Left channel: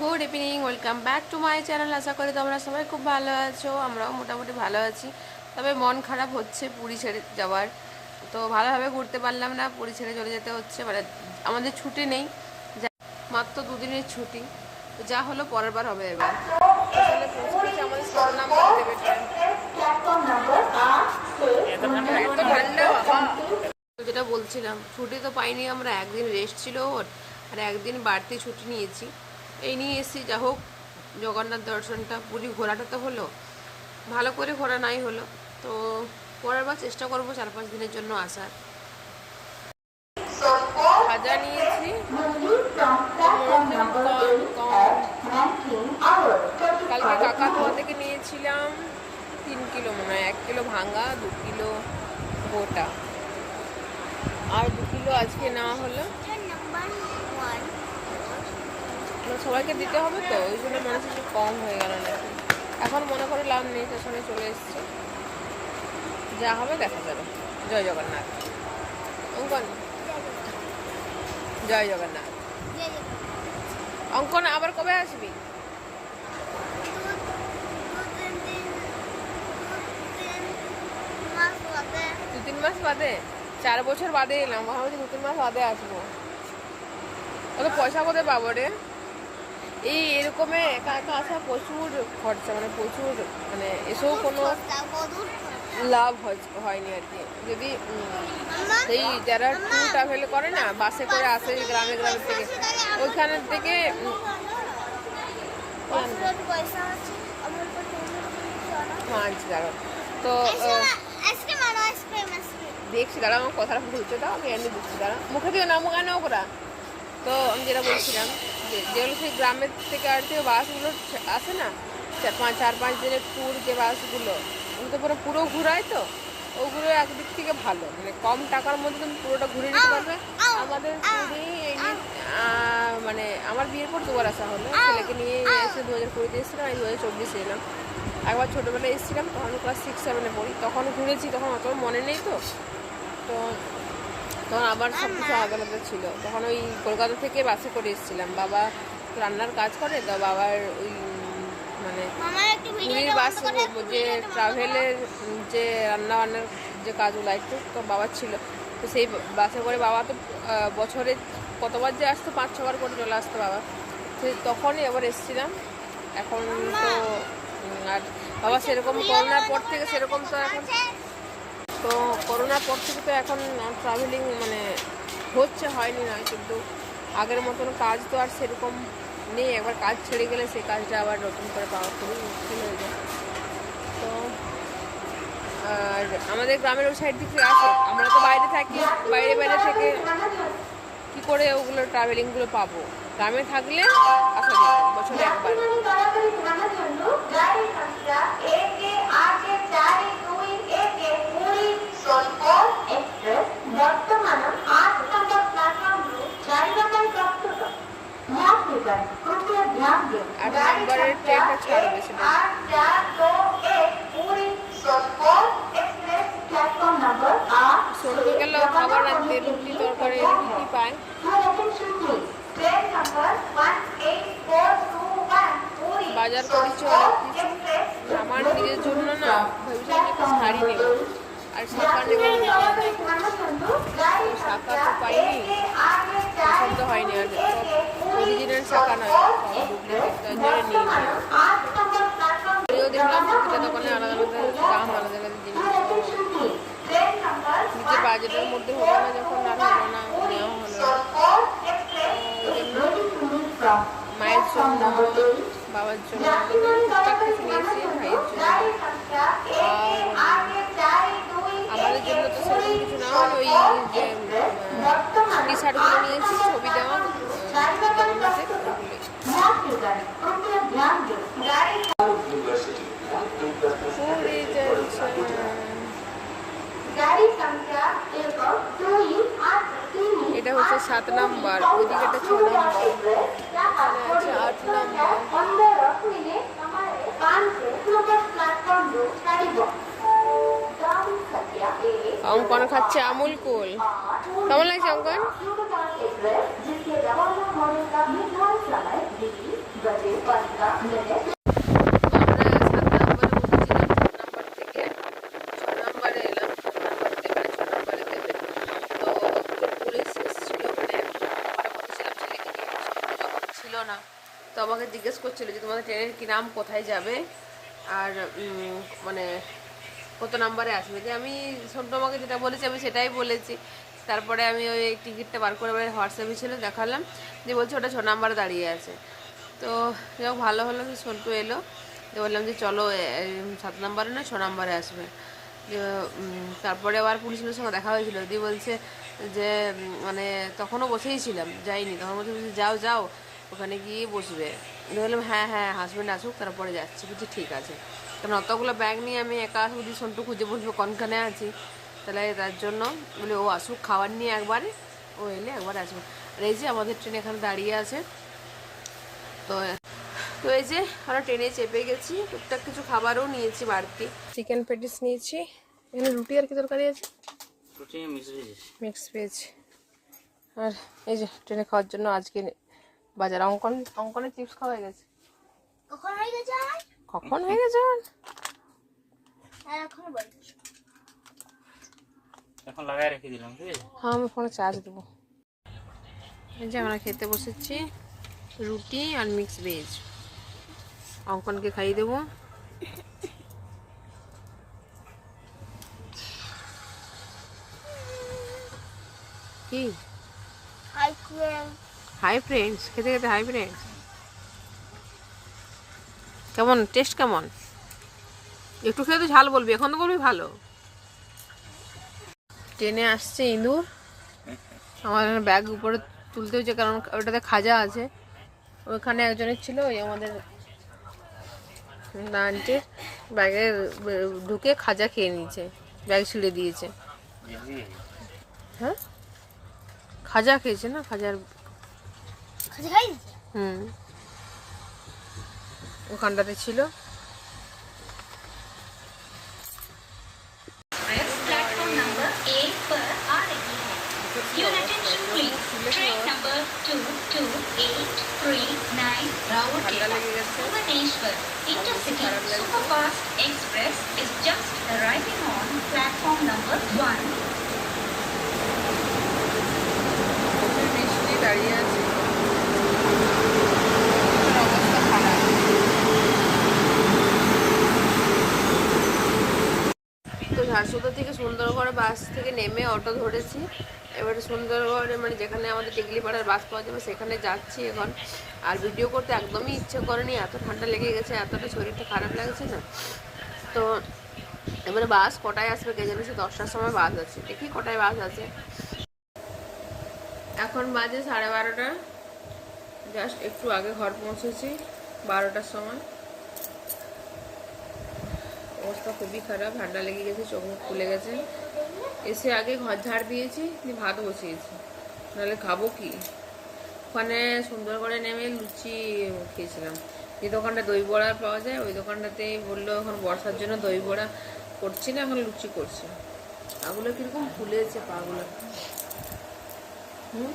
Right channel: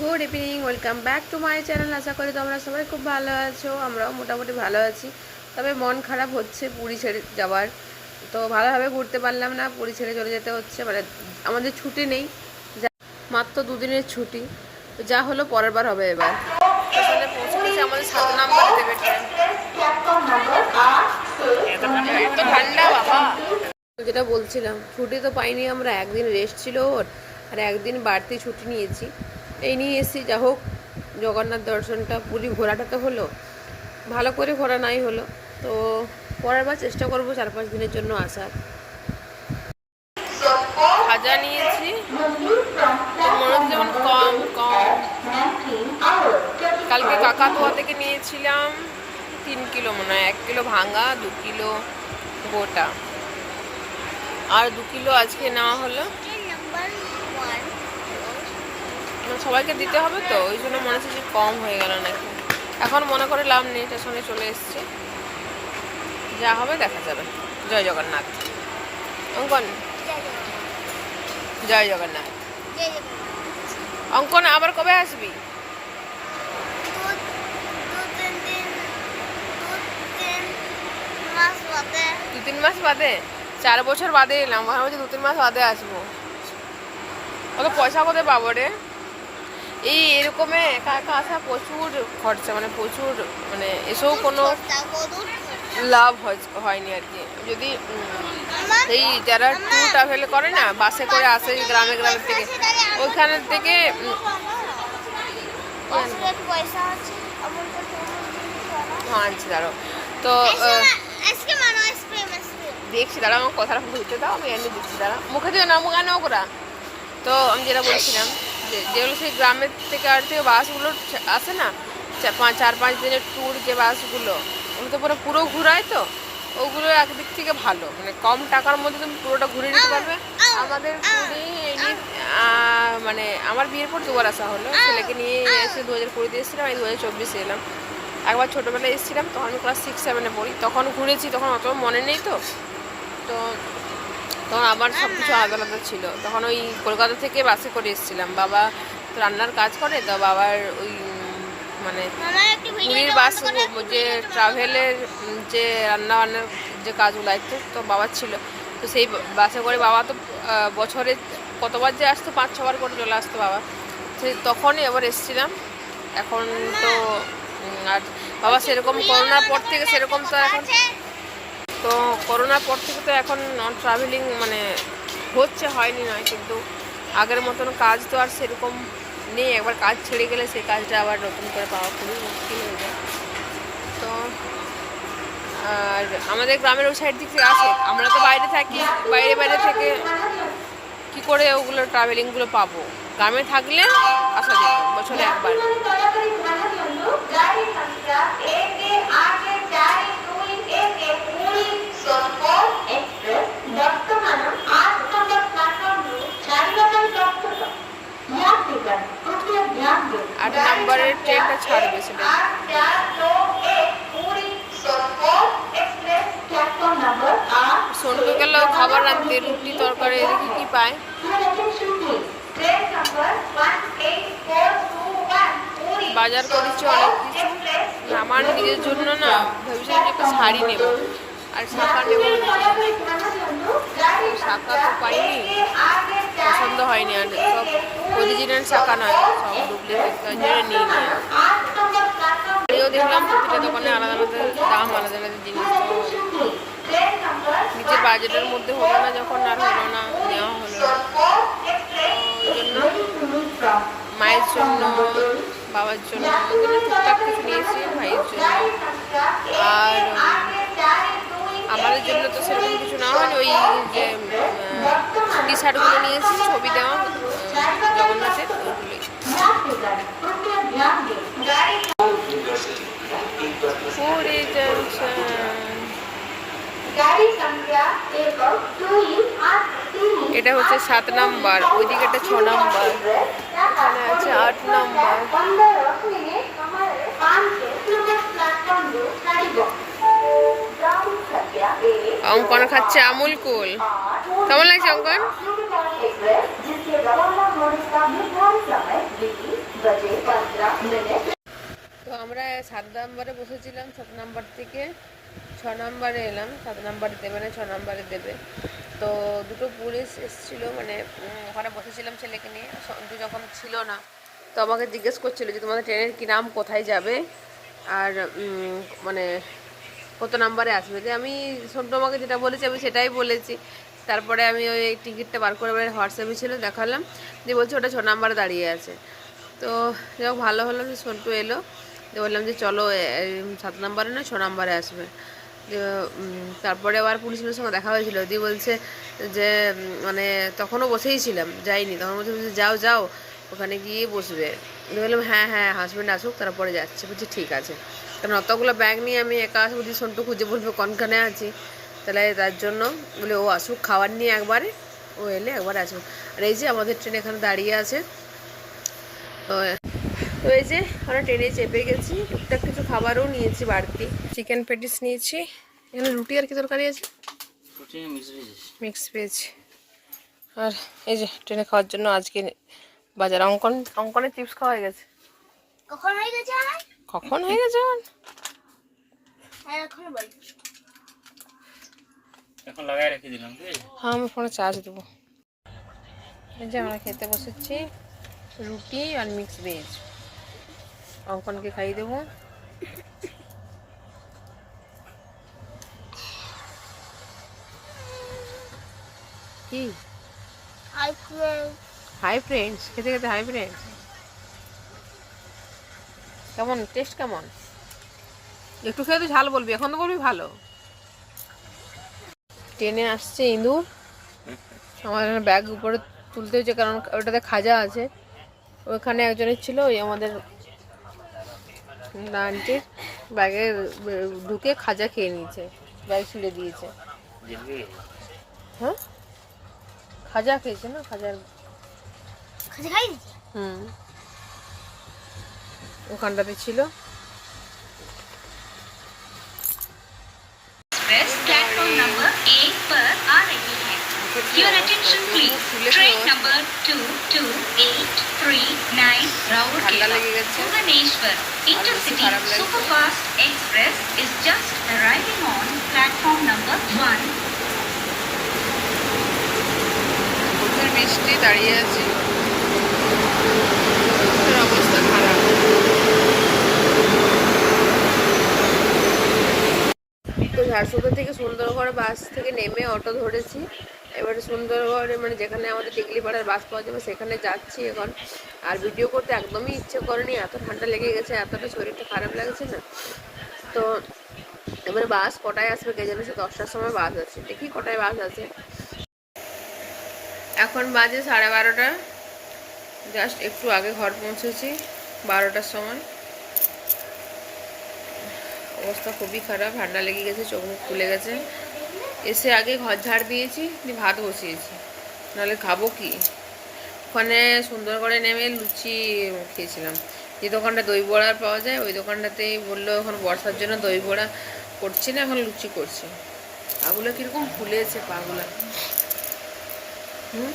Good evening, welcome back to my channel. আশা করি তোমরা সবাই খুব ভালো আছো, আমরাও মোটামুটি ভালো আছি। তবে মন খারাপ হচ্ছে পুরী ছেড়ে যাওয়ার। তো ভালোভাবে ঘুরতে পারলাম না, পুরী ছেড়ে চলে যেতে হচ্ছে মানে আমাদের ছুটি নেই। যা- মাত্র দুদিনের ছুটি। যা হলো পরের বার হবে এবার। পৌঁছে আমাদের ঠান্ডা যেটা বলছিলাম, ছুটি তো পাইনি, আমরা একদিন রেস্ট ছিল ওর, আর একদিন বাড়তি ছুটি নিয়েছি। এই নিয়ে এসেছি, যা হোক, জগন্নাথ দর্শনটা, পুরী ঘোরাটা তো হলো। ভালো করে ঘোরা নাই হলো। তো পরের বার চেষ্টা করব চার পাঁচ দিনের জন্য আসার। খাজা নিয়েছি। মনে যেমন কম কম। কালকে কাকাতুয়া থেকে নিয়েছিলাম তিন কিলো মনে হয়, এক কিলো ভাঙা দু কিলো গোটা। আর দু কিলো আজকে নেওয়া হলো না, সবাইকে দিতে হবে তো, ওই জন্য মনে হচ্ছে যে কম হয়ে গেল নাকি। এখন মনে করে লাভ নেই স্টেশনে চলে এসছে। যা হবে দেখা যাবে। জয় জগন্নাথ। অঙ্কন। জয় জগন্নাথ। অঙ্কন, আবার কবে আসবি? দু তিন মাস বাদে। চার বছর বাদে এলাম যে দু তিন মাস বাদে আসব। অত পয়সা কোথায় পাবো রে? এই এরকমে একা একা আসা প্রচুর খরচা মানে প্রচুর মানে এসেও কোনো লাভ হয়- হয়নি আর কি। যদি সেই যারা ট্যুর ট্রাভেল করে না বাসে করে আসে গ্রামে গ্রামের থেকে ওইখানের থেকে তো হ্যাঁ আনছি দাঁড়ো তো দেখছি দাঁড়া আমার কথাটা বলতে দাও আমি এনে দিচ্ছি দাঁড়া মুখে দিও না মুখ আনো করা তো আমি যেটা বলছিলাম যেগুলো সেই গ্রামের থেকে আর থেকে বাসগুলো আসে না, চার পাঁচ দিনের ট্যুর যে বাসগুলো ওগুলো তো পুরো পুরো ঘুরায় তো, ওগুলো একদিক থেকে ভালো। মানে কম টাকার মধ্যে তুমি পুরোটা ঘুরে নিতে পারবে। আমাদের পুরী মানে আমার বিয়ের পর দুবার আসা হলো। ছেলেকে নিয়ে এসে দু হাজার কুড়িতে এসেছিলাম এই দু হাজার চব্বিশে এলাম। একবার ছোটোবেলায় এসেছিলাম, তখন আমি ক্লাস সিক্স সেভেনে পড়ি। তখন ঘুরেছি, তখন অত মনে নেই তো। তো তখন আমার সব কিছু আলাদা আলাদা ছিল। তখন ওই কলকাতা থেকে বাসে করে এসেছিলাম। বাবা তো রান্নার কাজ করে তো বাবার ওই মানে পুরীর বাস যে ট্রাভেলের যে রান্না বান্নার যে কাজগুলো আছে তো বাবার ছিল। তো সেই বাসে করে বাবা তো বছরে কতবার যে আসতো পাঁচ ছবার করে চলে আসতো বাবা। সেই তখনই এবার এসেছিলাম। এখন তো আর বাবা সেরকম করোনার পর থেকে সেরকম তো এখন তো করোনার পর থেকে তো এখন ট্রাভেলিং মানে হচ্ছে, হয়নি নয়, কিন্তু আগের মতন কাজ তো আর সেরকম নেই। একবার কাজ ছেড়ে গেলে সেই কাজটা আবার নতুন করে পাওয়া খুবই মুশকিল হয়ে যায়। তো আর আমাদের গ্রামের ওই সাইড দিক থেকে আসে। আমরা তো বাইরে থাকি, বাইরে বাইরে থেকে কি করে ওগুলো ট্রাভেলিংগুলো পাবো? গ্রামে থাকলে আসা যেত, বছরে একবার আট ট্রেনটা ছাড়বে, সেটা। সোনকে গেল খাবার আনতে রুটি, তরকারি, দেখি কি পায়। বাজার করেছি অনেক কিছু। আমার নিজের জন্য না ভেবেছিলাম যে একটা শাড়ি নেব। আর শাখা নেব। শাখা তো পাইনি। পছন্দ হয়নি আর সব অরিজিনাল শাখা নয়, সব ডুপ্লিকেট তাই জন্য নিয়ে আর দেখলাম প্রতিটা দোকানে আলাদা আলাদা দাম, আলাদা আলাদা জিনিস নিজের বাজেটের মধ্যে হলো না, যখন আর হলো না, নেওয়া হলো না। ওই জন্য মায়ের জন্য, বাবার জন্য টুকটাক কিছু নিয়েছি, ভাইয়ের জন্য। আর আমাদের জন্য তো সেরকম কিছু না হয়নি, ওই যে টি শার্টগুলো নিয়েছি, ছবি দেওয়া। এটা হচ্ছে সাত নাম্বার, ওইদিকে একটা ছ নাম্বার। আছে আট নাম্বার। অঙ্কন খাচ্ছে আমুল কুল। কেমন লাগছে অঙ্কন? रवाना होने का निर्धारित समय दिल्ली আমরা সাত নম্বরে বসেছিলাম সাত নম্বর থেকে ছ নম্বরে এলাম সাত নম্বর দেবে না ছ নম্বরে দেবে তো দুটো পুলিশ এসেছিলো মানে ওখানে বসেছিলাম ছেলেকে নিয়ে কিন্তু যখন ছিল না তো আমাকে জিজ্ঞেস করছিল যে তোমাদের ট্রেনের কী নাম কোথায় যাবে আর উম, মানে কত নাম্বারে আসবে যে আমি সন্টু আমাকে যেটা বলেছে আমি সেটাই বলেছি তারপরে আমি ওই টিকিটটা বার করে হোয়াটসঅ্যাপে ছিল দেখালাম। দিয়ে বলছে ওটা ছ নাম্বারে দাঁড়িয়ে আছে। তো যাই ভালো হলো যে সন্টু এলো। দিয়ে বললাম যে চলো সাত নাম্বারে না ছ নাম্বারে আসবে। তারপরে আবার পুলিশের সঙ্গে দেখা হয়েছিল। দিয়ে বলছে যে মানে তখনও বসেই ছিলাম যাইনি। তখন বলছে বলছে, যাও যাও ওখানে গিয়ে বসবে। বললাম হ্যাঁ হ্যাঁ হাজব্যান্ড আসুক তারপরে যাচ্ছে। বলছি ঠিক আছে। কারণ অতগুলো ব্যাগ নিয়ে আমি একা আসব দিয়ে সন্টু খুঁজে বলবে কনখানে আছি? তাহলে তার জন্য বলে ও আসুক খাবার নিয়ে একবারে। ও এলে একবার আসব। আর এই যে আমাদের ট্রেন এখানে দাঁড়িয়ে আছে। তো তো এই যে আমরা ট্রেনে চেপে গেছি। টুকটাক কিছু খাবারও নিয়েছি বাড়তি। চিকেন প্যাটিস নিয়েছি। এখানে রুটি আর কি তরকারি আছে? মিক্স ভেজ আর এই যে ট্রেনে খাওয়ার জন্য আজকে বাজার অঙ্কন অঙ্কনের চিপস খাওয়া হয়ে গেছে। কখন হয়ে গেছে কখন হয়ে গেছে হ্যাঁ এখন এখন লাগাই রেখে দিলাম ঠিক আছে হ্যাঁ আমি ফোনে চার্জ দেবো। এই যে আমরা খেতে বসেছি রুটি আর মিক্স ভেজ অঙ্কনকে খাইয়ে দেবো। কি? হাই হাই ফ্রেন্ডস খেতে খেতে হাই ফ্রেন্ডস কেমন টেস্ট কেমন? একটু খেয়ে তো ঝাল বলবি এখন তো বলবি ভালো। টেনে আসছে ইঁদুর। আমার ব্যাগ উপরে তুলতে হচ্ছে কারণ ওটাতে খাজা আছে। ওখানে একজনের ছিল ওই আমাদের আন্টির ব্যাগে ঢুকে খাজা খেয়ে নিয়েছে ব্যাগ ছিঁড়ে দিয়েছে। হ্যাঁ? খাজা খেয়েছে না? খাজার হুম। ওখানটাতে ছিল। एक पर आ रही है Your attention please. Train number 22839 ঠান্ডা Raurkela, লেগে গেছে Bhubaneswar, Intercity খারাপ লাগছে। Superfast Express is just arriving on platform number 1. প্রচুর বৃষ্টি দাঁড়িয়ে আছে তো ঝাড়সুদা থেকে সুন্দরগড় বাস থেকে নেমে অটো ধরেছি। এবারে সুন্দরগড়ে মানে যেখানে আমাদের টিকলিপাড়ার বাস পাওয়া যাবে সেখানে যাচ্ছি এখন। আর ভিডিও করতে একদমই ইচ্ছে করেনি, এত ঠান্ডা লেগে গেছে, এতটা শরীরটা খারাপ লাগছে না। তো এবারে বাস কটায় আসবে কে জানি, সে দশটার সময় বাস আছে। দেখি কটায় বাস আছে। এখন বাজে সাড়ে বারোটা। জাস্ট একটু আগে ঘর পৌঁছেছি, বারোটার সময়। অবস্থা খুবই খারাপ ঠান্ডা লেগে গেছে চোখ মুখ খুলে গেছে। এসে আগে ঘর ঝাড় দিয়েছি দিয়ে ভাত বসিয়েছি। নাহলে খাব কি? ওখানে সুন্দরগড়ে নেমে লুচি খেয়েছিলাম। যে দোকানটা দই বড়া পাওয়া যায় ওই দোকানটাতেই বলল এখন বর্ষার জন্য দই বড়া করছি না এখন লুচি করছি। পাগুলো কীরকম ফুলেছে পাগুলো। হুম?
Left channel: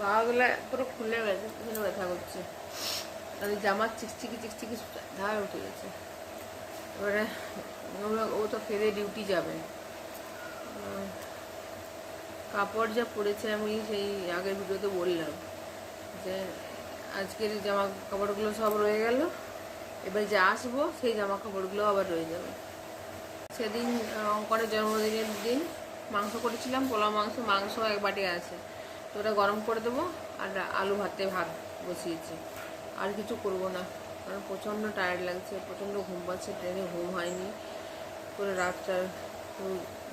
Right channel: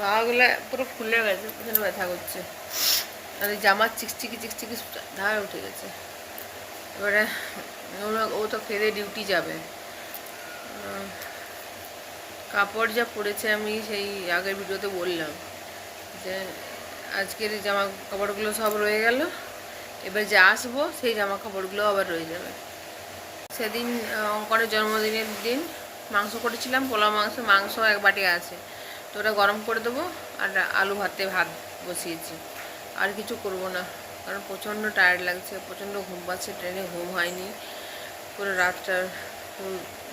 পাগুলো পুরো ফুলে গেছে ব্যথা করছে। এই জামার চিকচিকি চিকচিকি ধার উঠে গেছে। এবারে ও তো ফেরে ডিউটি যাবে। কাপড় যা পরেছে আমি সেই আগের ভিডিওতে বললাম যে আজকের জামা কাপড়গুলো সব রয়ে গেল এবার যে আসব সেই জামা কাপড়গুলো আবার রয়ে যাবে। সেদিন আহ, অঙ্কনের জন্মদিনের দিন মাংস করেছিলাম পোলা মাংস মাংস এক বাটি আছে। তো ওটা গরম করে দেবো আর আলু ভাতে ভাত বসিয়েছি। আর কিছু করব না। কারণ প্রচণ্ড টায়ার্ড লাগছে, প্রচণ্ড ঘুম পাচ্ছে ট্রেনে ঘুম হয়নি। পুরো রাতটা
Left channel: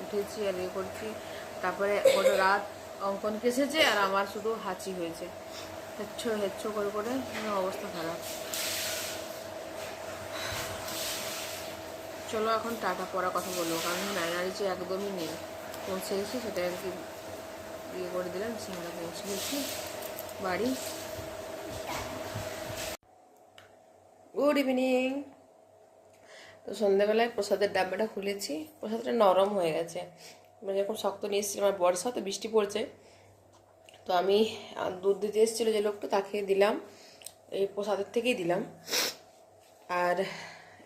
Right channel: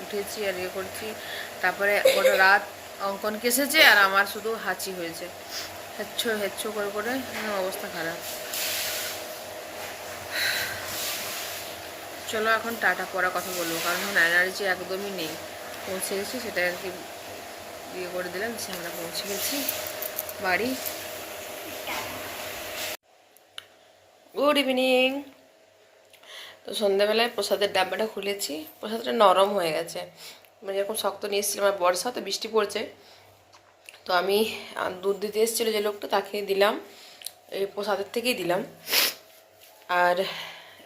উঠেছি আর ইয়ে করছি। তারপরে গোটা রাত অঙ্কন কেসেছে আর আমার শুধু হাঁচি হয়েছে। হেচ্ছো হেচ্ছো করে করে অবস্থা খারাপ। চলো এখন টাটা পড়া কথা বলব, কারণ এখন এনার্জি একদমই নেই। পৌঁছে গেছি সেটা আর কি ইয়ে করে দিলাম, সে আমরা পৌঁছে গেছি। বাড়ি। Good evening. তো সন্ধ্যাবেলায় প্রসাদের ডাব্বাটা খুলেছি, প্রসাদটা নরম হয়ে গেছে। মানে যেরকম শক্ত নিয়ে এসেছিলাম আর বর্ষা তো বৃষ্টি পড়ছে। তো তো আমি দুধ দিতে এসেছিল যে লোকটা, তাকে দিলাম, এই প্রসাদের থেকেই দিলাম। আর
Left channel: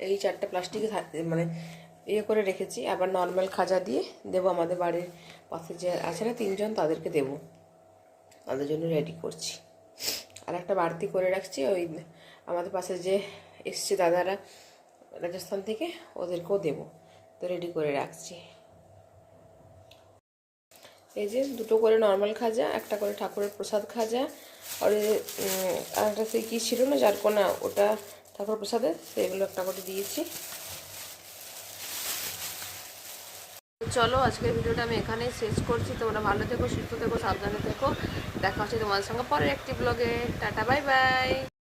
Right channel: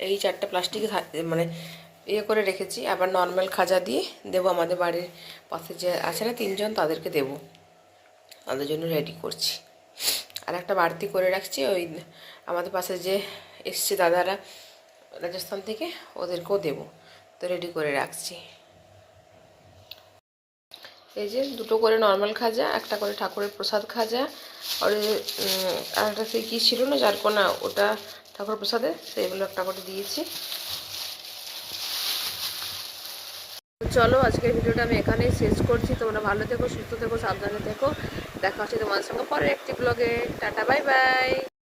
এই চারটে প্লাস্টিকে মানে ইয়ে করে রেখেছি। আবার নর্মাল খাজা দিয়ে দেবো আমাদের বাড়ির পাশে যে আছে না তিনজন, তাদেরকে দেবো। তাদের জন্য রেডি করছি। আর একটা বাড়তি করে রাখছি, ওই আমাদের পাশে যে এসছে দাদারা, রাজস্থান থেকে, ওদেরকেও দেবো। তো রেডি করে রাখছি। এই যে দুটো করে নর্মাল খাজা, একটা করে ঠাকুরের প্রসাদ খাজা। আর একটা সেই কী ছিল না, যার কোনা, ওটা ঠাকুর প্রসাদে, সেইগুলো একটা করে দিয়েছি। চলো, আজকের ভিডিওটা আমি এখানেই শেষ করছি। তোমরা ভালো থেকো, সুস্থ থেকো, সাবধানে থেকো। দেখা হচ্ছে তোমাদের সঙ্গে পরের একটি ব্লগে টাটা বাই বাই